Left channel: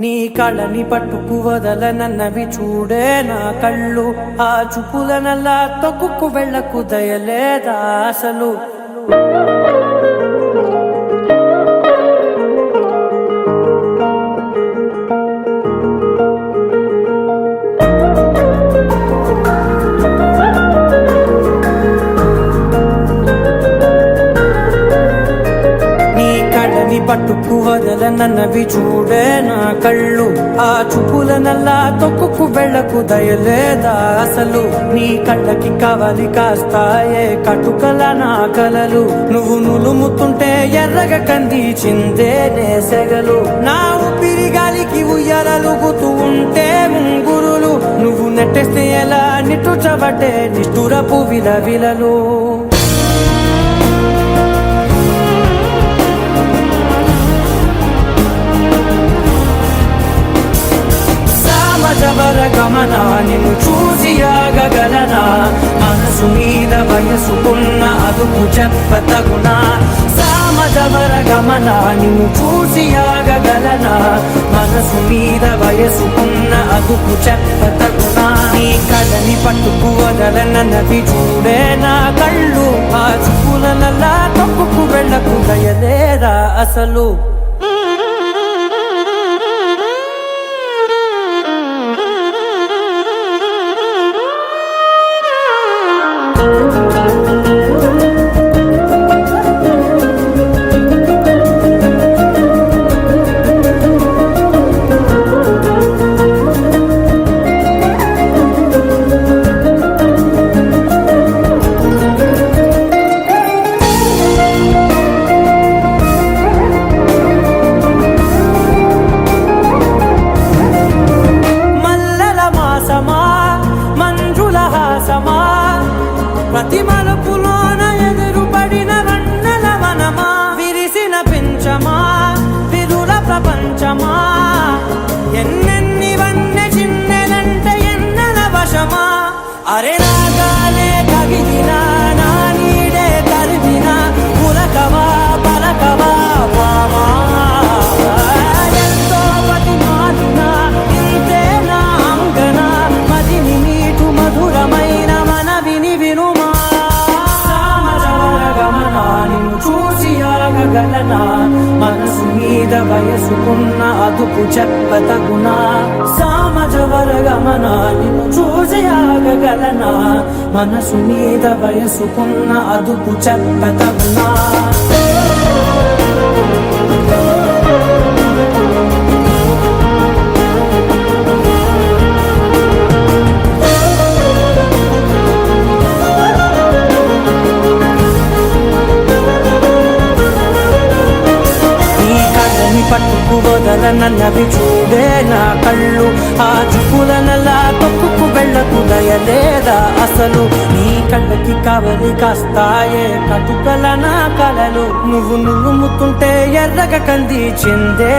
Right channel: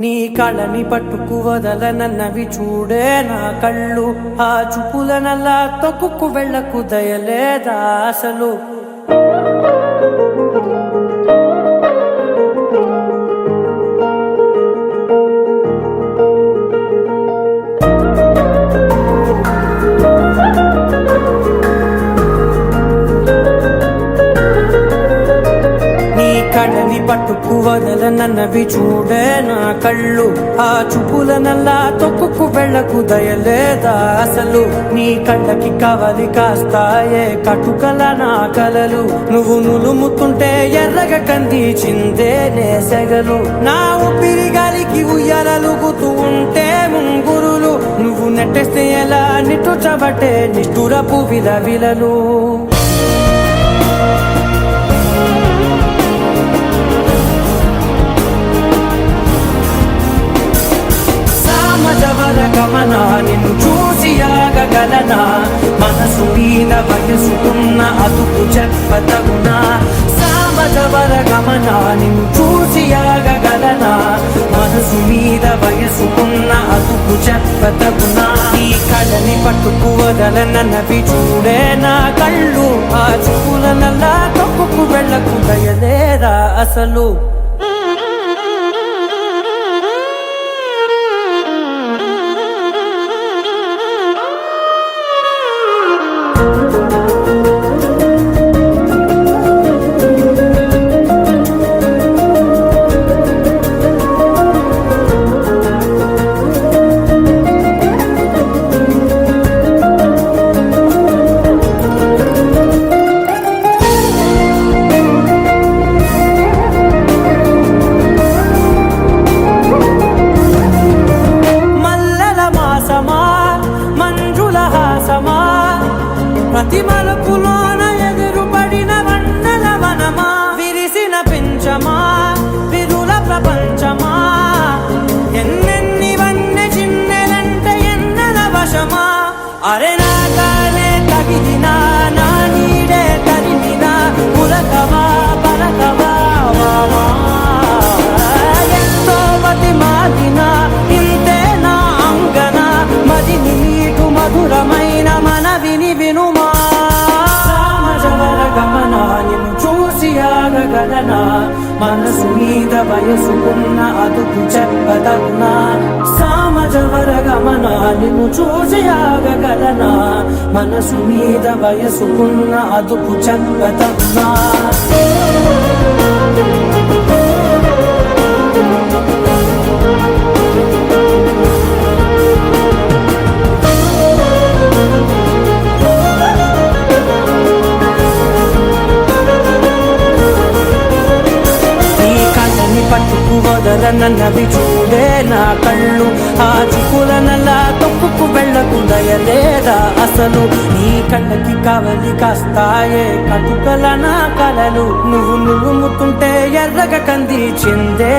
నీ కళ్ళని పట్టుకు వదలనన్నవి చూడే నా కళ్ళు. ఆ చూపులనల్లా తొక్కుకు వెళ్ళకు దయలేదా అసలు. కళ్ళని పట్టుకు వదలనన్నవి చూడే నా కళ్ళు. ఆ చూపులనల్లా తొక్కుకు వెళ్ళకు దయలేదా అసలు. నీ కళ్ళకి కవలి కాస్తాయే కటుకల నా కలలు. నువ్వు నులుముతుంటే ఎర్రగ కందిచిందే నేసెగలు. నా ఊపిరి గాలికి ఉయ్యాలలుగుతూ ఉంటే ముంగురులు. నువ్వు నెట్టేస్తే ఎలా నిట్టుచబట్టే నిష్ఠురపు విలవిలలు. గమనా నిన్ను చూసి ఆగగలనా. మనసు మీద వయసుకున్న అదుపు చెప్పతగునా. సామజవర గమనా నిన్ను చూసి ఆగగలనా. మనసు మీద వయసుకున్న అదుపు చెప్పతగునా. నీ కళ్ళని పట్టుకు వదలనన్నవి చూడే నా కళ్ళు. ఆ చూపులనల్లా తొక్కుకు వెళ్ళకు దయలేరా అసలు. మంజుల హాసమా ప్రతి మలుపులోన ఎదురుపడిన వన్నెల వనమా. విరిసిన పించమా విరుల ప్రపంచమా. ఎన్నెన్ని వన్నె చిన్నెలంటే ఎన్నెల వశమా. అరే నాగాలే కగిదినా నా నీడే తరిదినా. పులకవా పలకవా వామా. ఎంతో మది మాదినా ఇంతే నా అంగన. మదిని నీటు మధురమైన మనవిని వినుమా. సామజవర గమనా నిన్ను చూసి ఆగగలనా. మనసు మీద వయసుకున్న అదుపు చెప్పదగునా. సామజవర గమనా నిన్ను చూసి ఆగగలనా. మనసు మీద వయసుకున్న అదుపు చెప్పదగునా. పట్టుకు వదలనన్నవి చూడే నా కళ్ళు. ఆ చూపులనల్లా తొక్కుకు వెళ్ళకు దయలేదా అసలు. నీ కళ్ళకి కవలి కాస్తాయే కటుకల నా కలలు. నువ్వు నులుముతుంటే ఎర్రగ కందిచిందే